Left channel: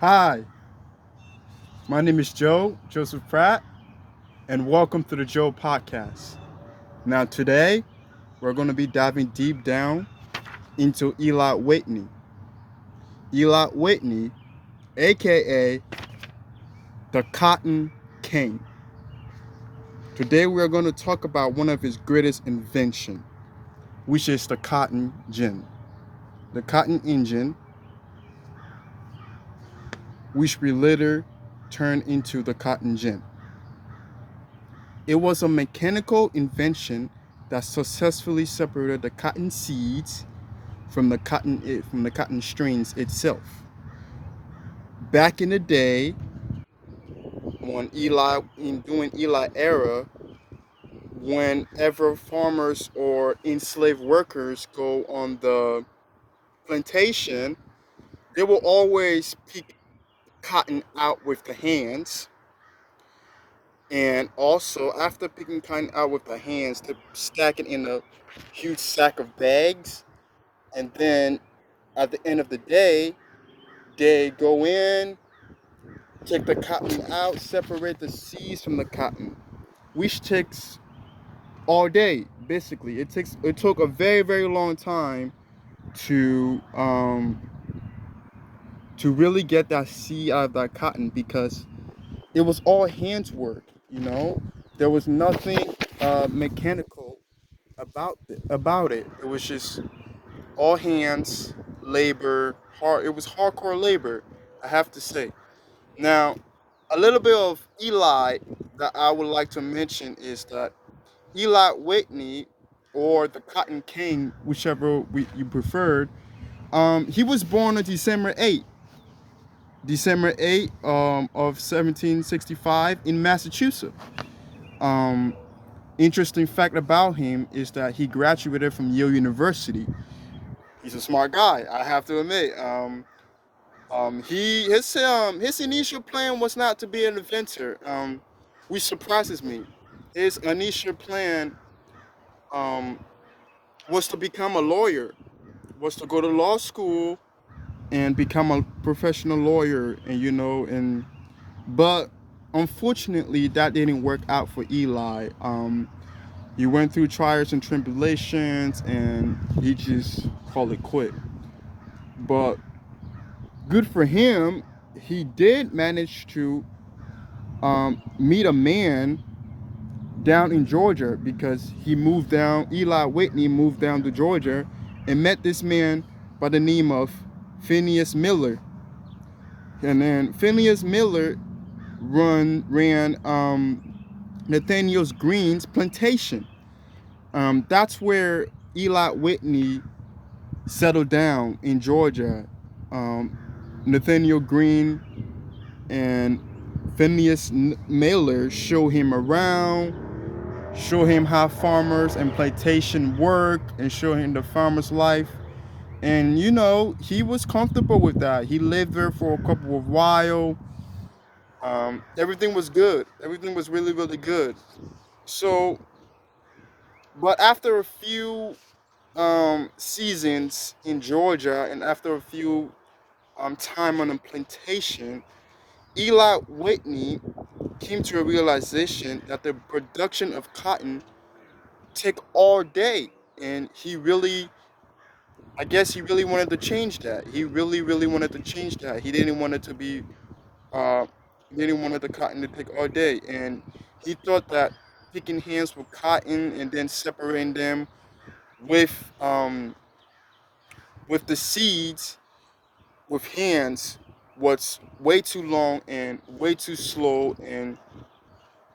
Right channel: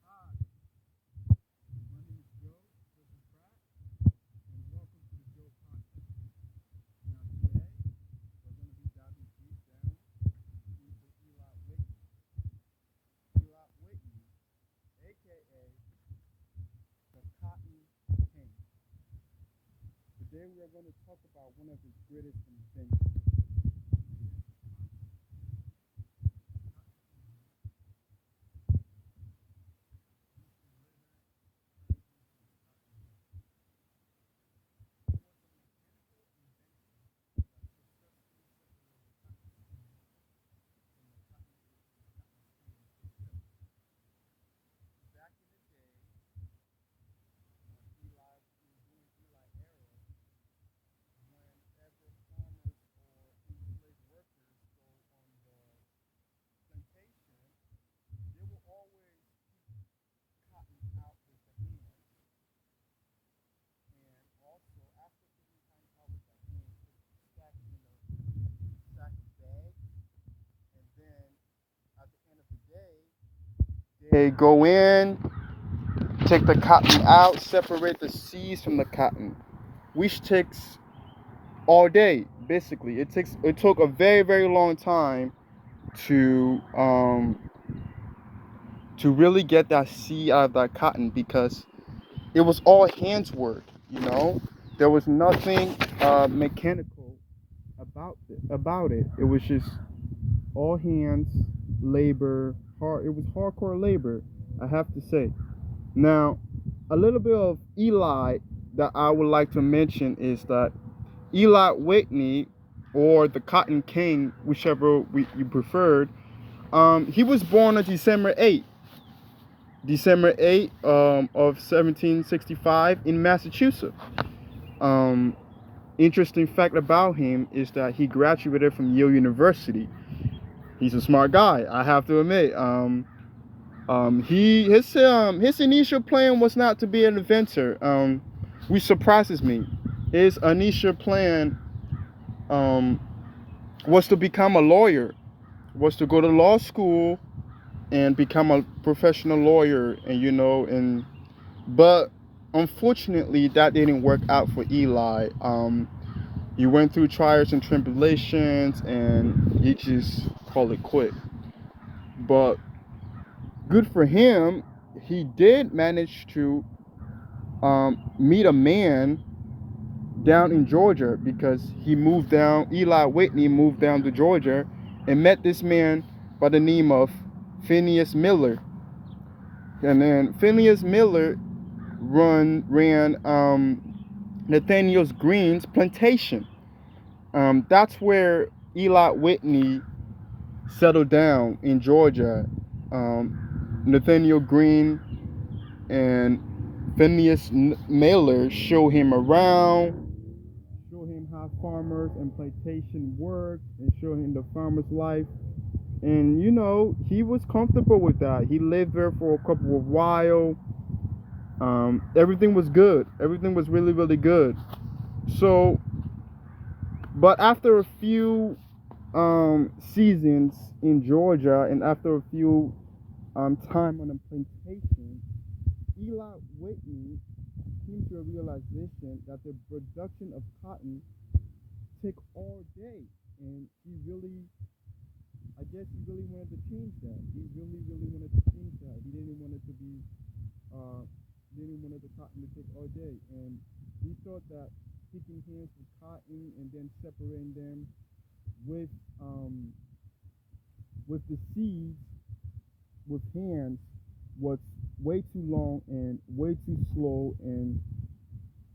Hi, my name is Joseph Pratt, and welcome to the Joe Podcast. Now, today we're going to be diving deep down into Eli Whitney. Eli Whitney, aka the Cotton King. Today we are going to talk about one of his greatest inventions, which is the cotton gin. The cotton engine, which we later turned into the cotton gin. It was a mechanical invention that successfully separated the cotton seeds from the cotton strings itself. Back in the day, when during Eli era, whenever farmers or enslaved workers go on the plantation, they will always pick cotton out with the hands. And also, after picking cotton out with the hands, they stack it in a huge sack of bags. And then at the end of the day, they go in, take the cotton out, separate the seeds from the cotton, which takes all day. Basically, it took a very long time to um, to really get that seed out of that cotton because it was all hands work. You know, there was nothing mechanical about it. It was just all hands labor. Hard. It was hardcore labor, I have to say. Now, a little bit of Eli that I would like to mention is that Eli Whitney, or the Cotton King, whichever you preferred, he was born on December 8th of 1765 in Massachusetts. Um, Interesting fact about him is that he graduated from Yale University. He's a smart guy, I have to admit. His initial plan was not to be an inventor, which surprises me. His initial plan um, was to become a lawyer, was to go to law school and become a professional lawyer, but unfortunately that didn't work out for Eli. He went through trials and tribulations, and he just called it quit. But good for him, he did manage to meet a man down in Georgia because Eli Whitney moved down to Georgia and met this man by the name of Phineas Miller. And then Phineas Miller ran Nathaniel Green's plantation. That's where Eli Whitney settled down in Georgia. Nathaniel Green and Phineas Miller show him around, show him how farmers and plantation work, and show him the farmer's life. And he was comfortable with that. He lived there for a couple of while. Everything was good. Everything was really good. So, but after a few seasons in Georgia, and after a few time on a plantation, Eli Whitney came to a realization that the production of cotton take all day, and I guess he really wanted to change that. He really wanted to change that. He didn't want it to be uh he didn't want the cotton to take all day, and he thought that picking hands with cotton and then separating them with um with the seeds with hands was way too long and way too slow and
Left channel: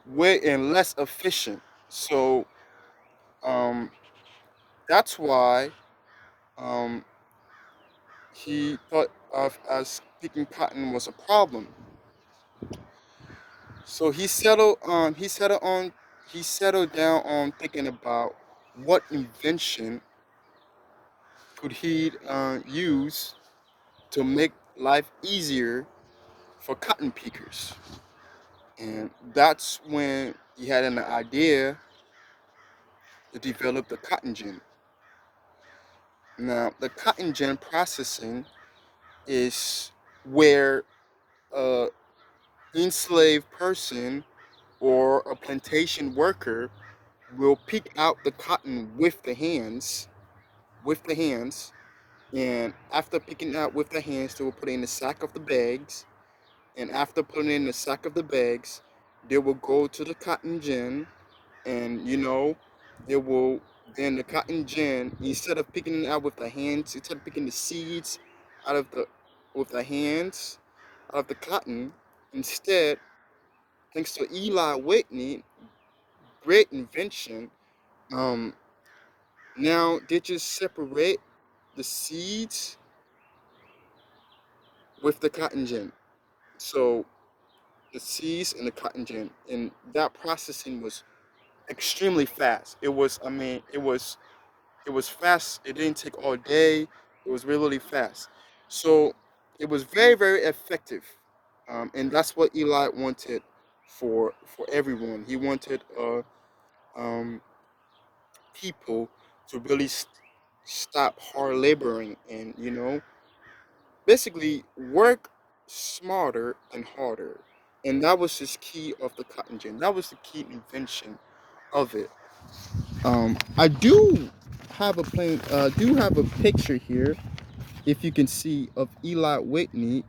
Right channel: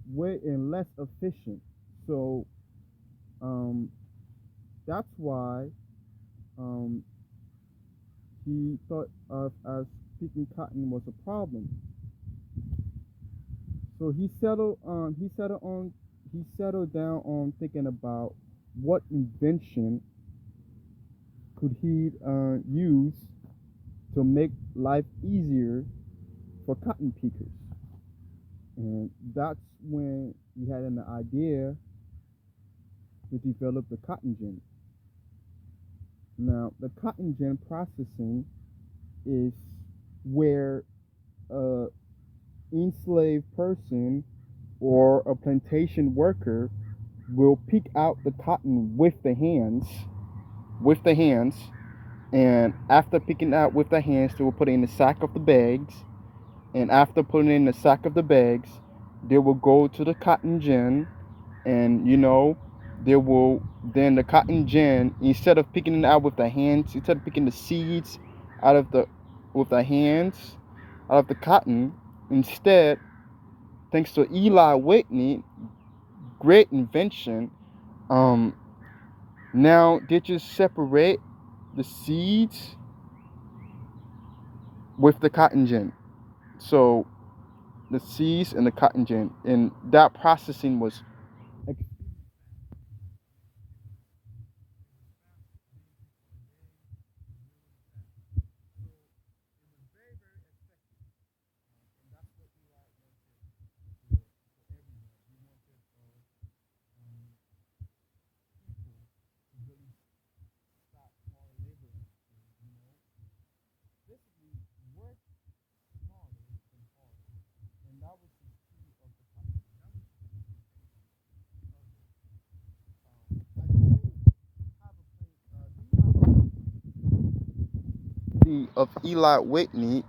way and less efficient. So um that's why um he thought of as picking cotton was a problem. So he settled down on thinking about what invention could he use to make life easier for cotton pickers. And that's when he had an idea to develop the cotton gin. Now, the cotton gin processing is where a enslaved person or a plantation worker will pick out the cotton with the hands, and after picking out with the hands, they will put it in the sack of the bags, and after putting it in the sack of the bags, they will go to the cotton gin, and they will then the cotton gin, instead of picking it out with the hands, instead of picking the seeds out of the with the hands out of the cotton, instead, thanks to Eli Whitney, great invention, um now they just separate the seeds with the cotton gin. So the seeds and the cotton gin, and that processing was extremely fast. It was fast. It didn't take all day. It was really, really fast. So it was very, very effective, and that's what Eli wanted for everyone. He wanted um, people to really stop hard laboring, and basically work smarter and harder. And that was his key of the cotton gin. That was the key invention of it. I do have a picture here, if you can see, of Eli Whitney.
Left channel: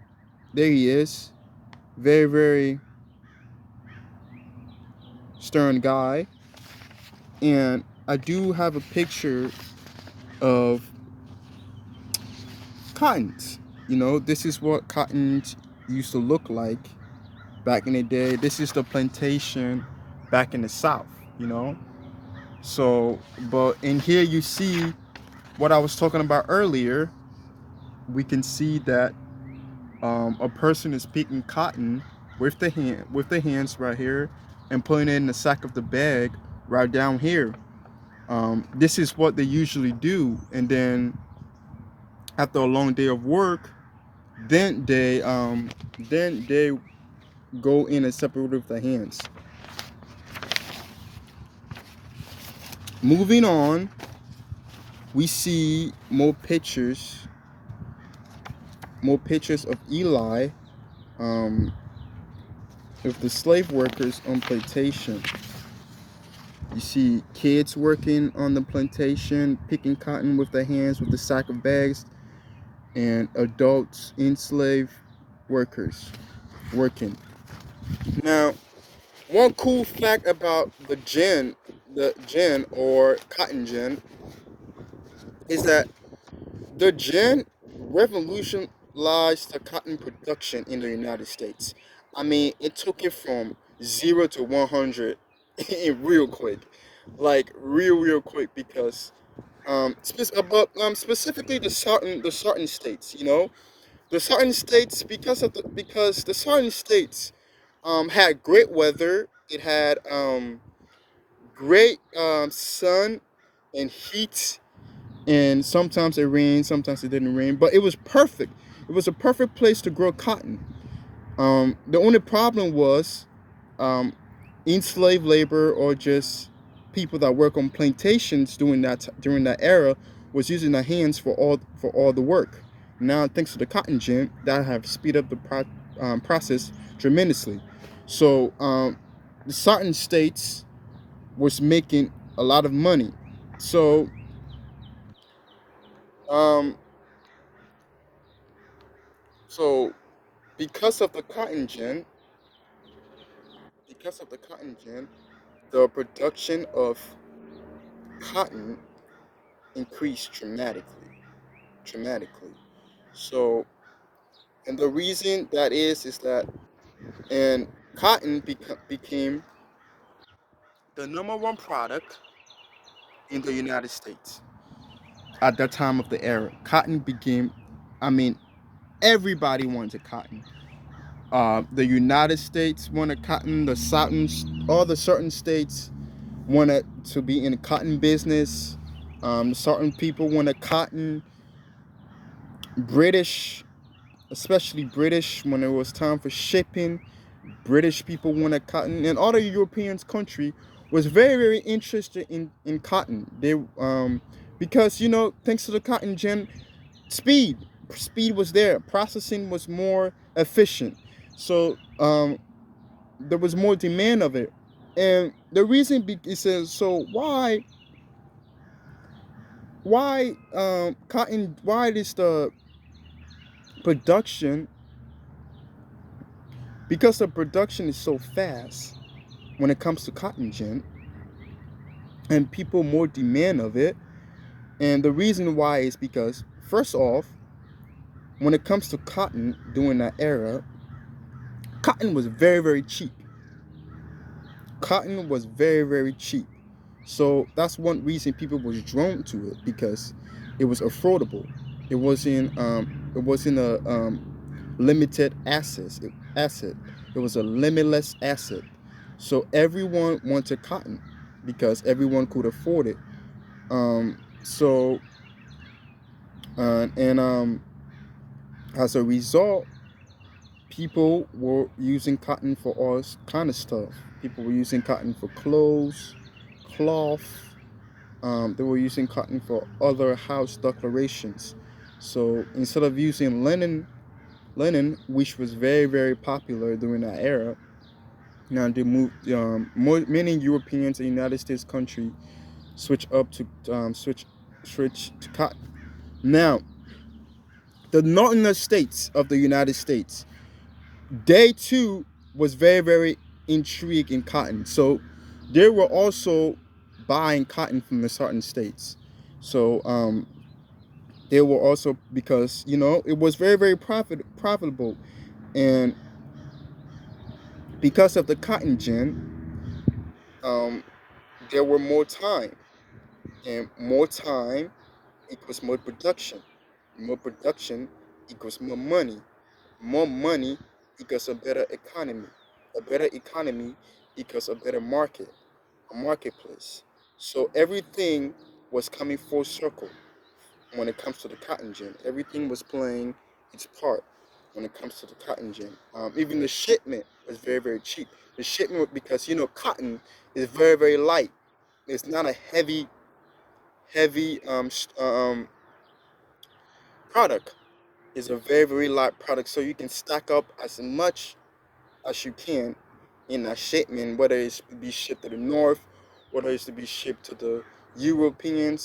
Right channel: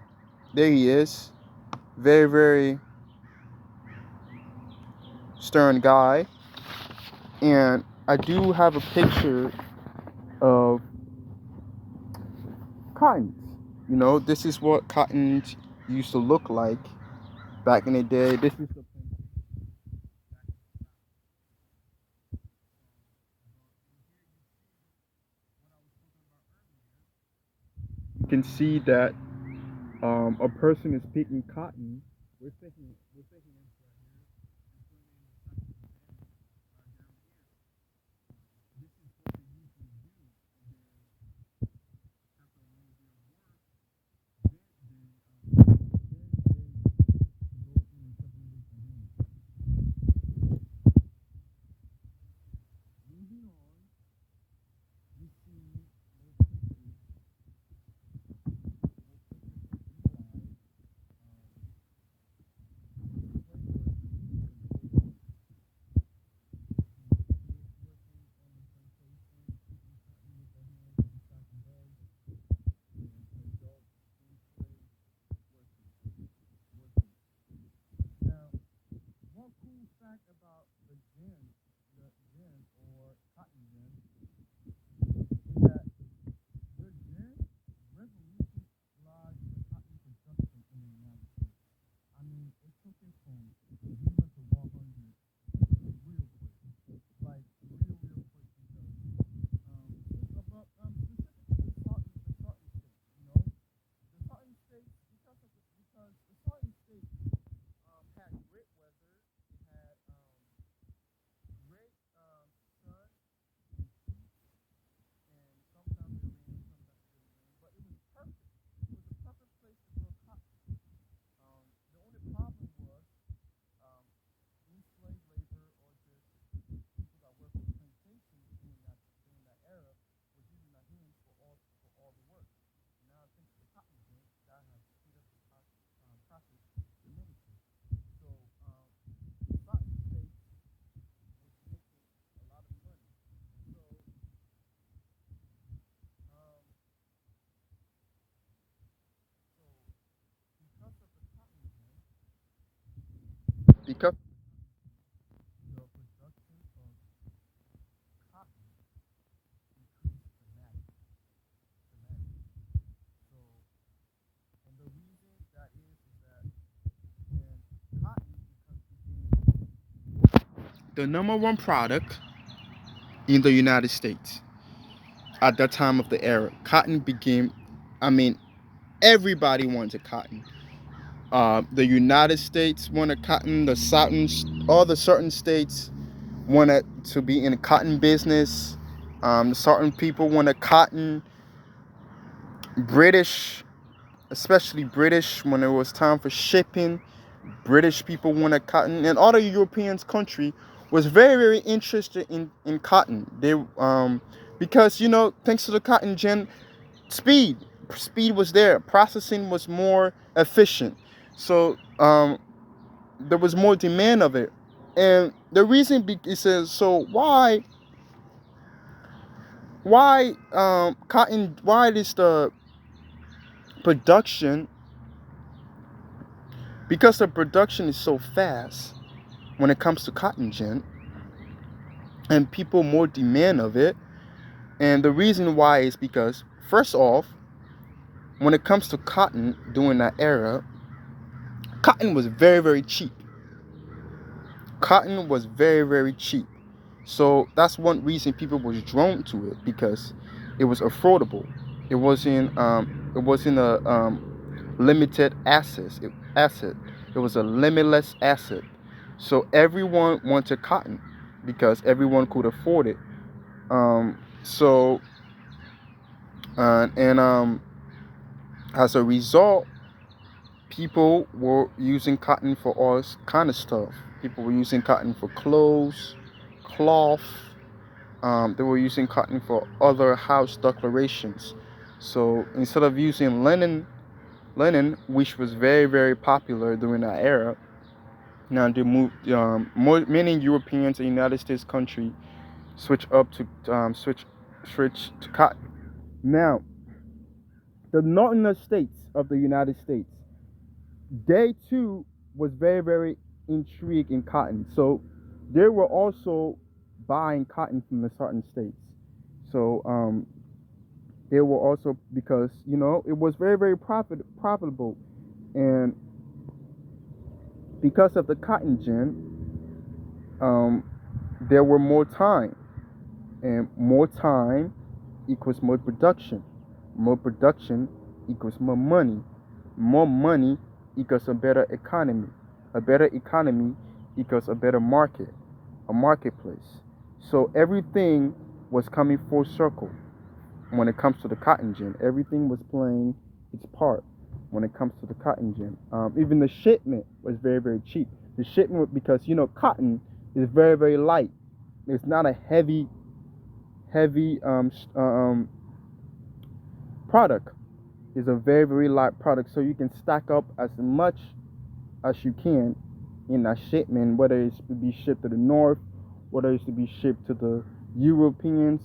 There he is, very, very stern guy. And I do have a picture of cottons. This is what cottons used to look like back in the day. This is the plantation back in the South, you know. So, but in here you see what I was talking about earlier. We can see that a person is picking cotton with the hands right here, and putting it in the sack of the bag right down here. This is what they usually do, and then after a long day of work, then they go in and separate with the hands. Moving on, we see more pictures of Eli, um, of the slave workers on plantation. You see kids working on the plantation, picking cotton with their hands with the sack of bags, and adults, enslaved workers working. Now, one cool fact about the gin or cotton gin, is that the gin revolutionized the cotton production in the United States. I mean, it took it from 0 to 100 real quick, like real quick, because specifically the southern states, the southern states, because the southern states had great weather. It had great sun and heat, and sometimes it rained, sometimes it didn't rain, but it was perfect. It was a perfect place to grow cotton. The only problem was um, enslaved labor, or just people that work on plantations during that era, was using their hands for all the work. Now, thanks to the cotton gin, that have speed up the process tremendously. So the certain states was making a lot of money. So um, so because of the cotton gin, because of the cotton gin, the production of cotton increased dramatically. So, and the reason that is that, and cotton became the number one product in the United States at that time of the era. Cotton became, I mean, everybody wanted cotton. The United States wanted cotton. All the certain states wanted to be in the cotton business. Certain people wanted cotton. British, especially British, when it was time for shipping, British people wanted cotton, and other European country was very, very interested in cotton. They because thanks to the cotton gin, speed speed was there. Processing was more efficient. So there was more demand of it. And the reason it says, so cotton, why is the production, because the production is so fast when it comes to cotton gin, and people more demand of it. And the reason why is because, first off, when it comes to cotton during that era, cotton was very, very cheap. Cotton was very, very cheap. So that's one reason people was drawn to it, because it was affordable. It wasn't a limited asset. It was a limitless asset. So everyone wanted cotton because everyone could afford it. So and as a result, people were using cotton for all kind of stuff. People were using cotton for clothes, cloth. They were using cotton for other house decorations. So instead of using linen, which was very, very popular during that era, now they moved. Many Europeans and United States country switch to cotton. Now, the northern states of the United States, they too was very, very intrigued in cotton. So they were also buying cotton from the certain states. So they were also, because it was very, very profitable, and because of the cotton gin, there were more time, and more time equals more production. More production equals more money. More money equals a better economy. A better economy equals a better market, a marketplace. So everything was coming full circle when it comes to the cotton gin. Everything was playing its part when it comes to the cotton gin. Even the shipment was very, very cheap. The shipment, because cotton is very, very light. It's not a heavy product. It's a very, very light product, so you can stack up as much as you can in a shipment, whether it's to be shipped to the north, whether it's to be shipped to the European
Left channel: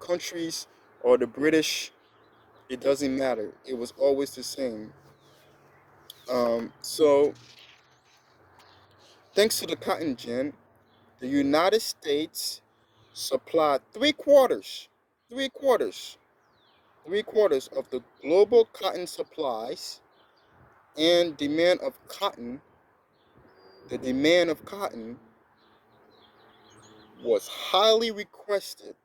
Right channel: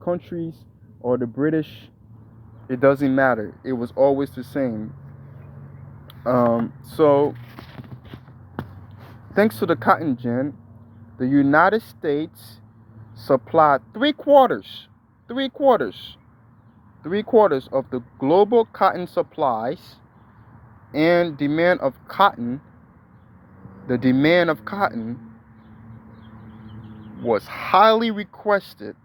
countries or the British. It doesn't matter. It was always the same. So thanks to the cotton gin, the United States supplied three quarters of the global cotton supplies, and demand of cotton. The demand of cotton was highly requested,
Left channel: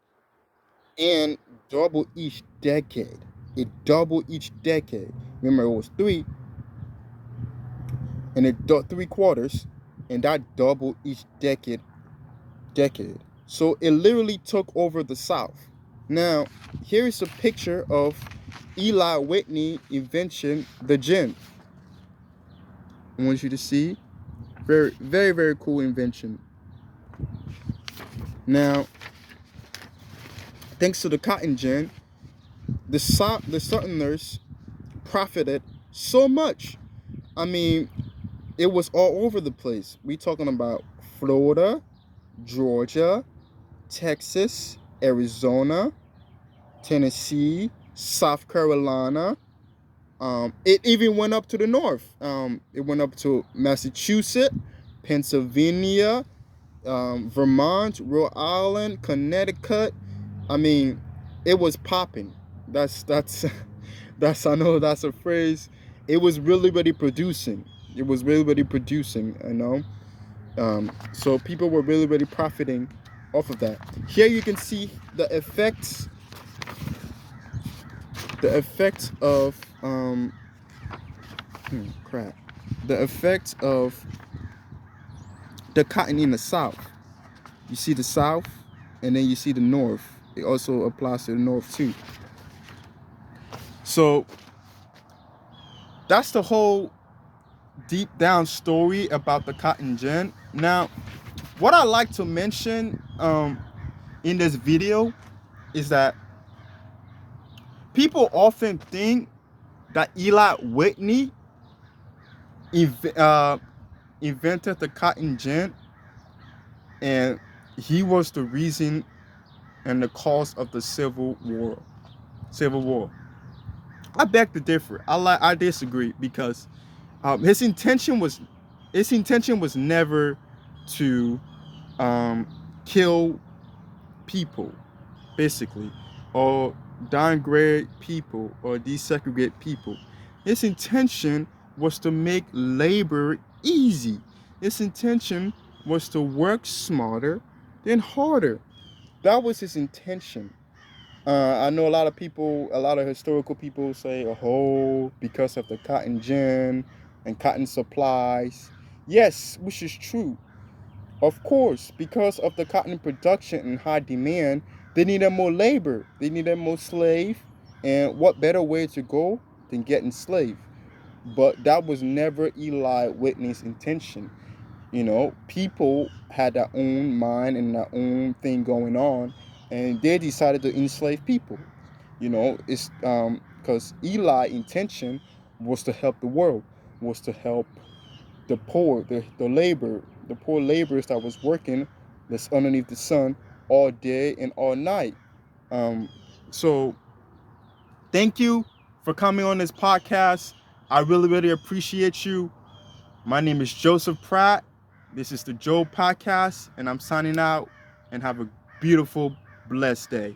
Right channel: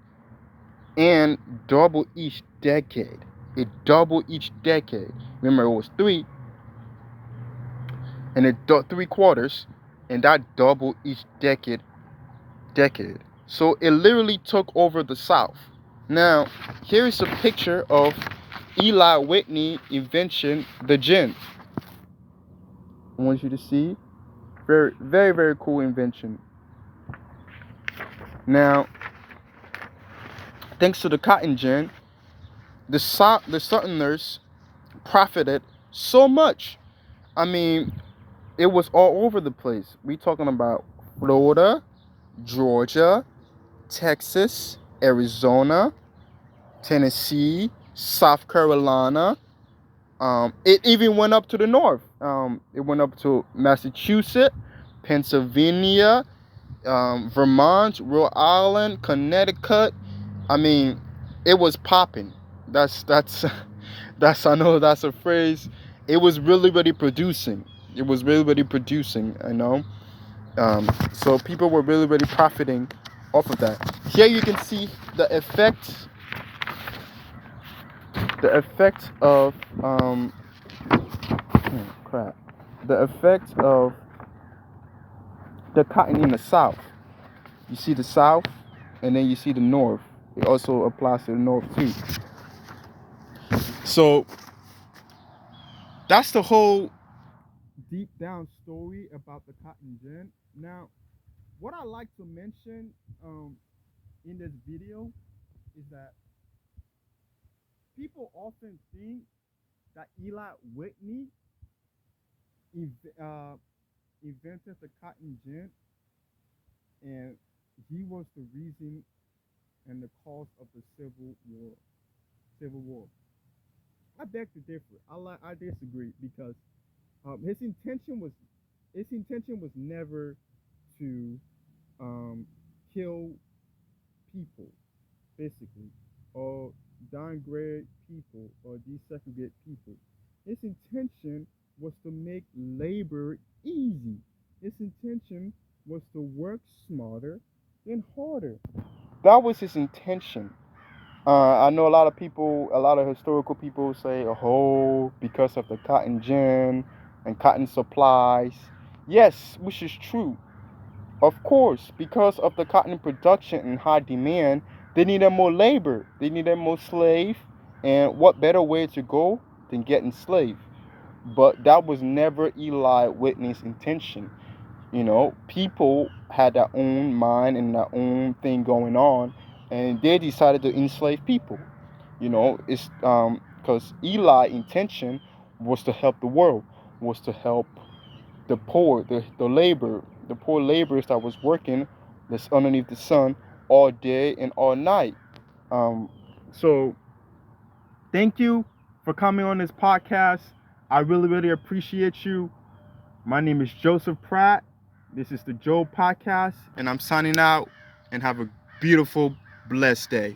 and doubled each decade. It doubled each decade. Remember, it was three, and it 3 quarters, and that doubled each decade. So it literally took over the South. Now, here is a picture of Eli Whitney invention, the gin. I want you to see. Very, very, very cool invention. Now, thanks to the cotton gin, the Southerners profited so much. I mean, it was all over the place. We talking about Florida, Georgia, Texas, Arizona, Tennessee, South Carolina. It even went up to the north. It went up to Massachusetts, Pennsylvania, Vermont, Rhode Island, Connecticut. I mean, it was popping. That's that's, I know that's a phrase. It was really, really producing. It was really, really producing. So people were really, really profiting off of that. Here you can see the effects. The effects of crap. The effects of the cotton in the South. You see the South, and then you see the North. It also applies to the North too. So that's the whole deep down story about the cotton gin. Now, what I like to mention in this video is that people often think that Eli Whitney ev- uh, invented the cotton gin, and he was the reason and the cause of the Civil War. Civil War. I beg to differ. I disagree because um, his intention was his intention was never to um, kill people, basically, or downgrade people or desegregate people. His intention was to make labor easy. His intention was to work smarter than harder. That was his intention. I know a lot of people, a lot of historical people say, oh, because of the cotton gin and cotton supplies. Yes, which is true. Of course, because of the cotton production and high demand, they needed more labor. They needed more slave. And what better way to go than get enslaved? But that was never Eli Whitney's intention. You know, people had their own mind and their own thing going on, and they decided to enslave people. You know, it's because Eli's intention was to help the world, was to help the poor, the labor, the poor laborers that was working that's underneath the sun all day and all night. Um, so thank you for coming on this podcast. I really, really appreciate you. My name is Joseph Pratt. This is the Joe Podcast, and I'm signing out. And have a beautiful, blessed day.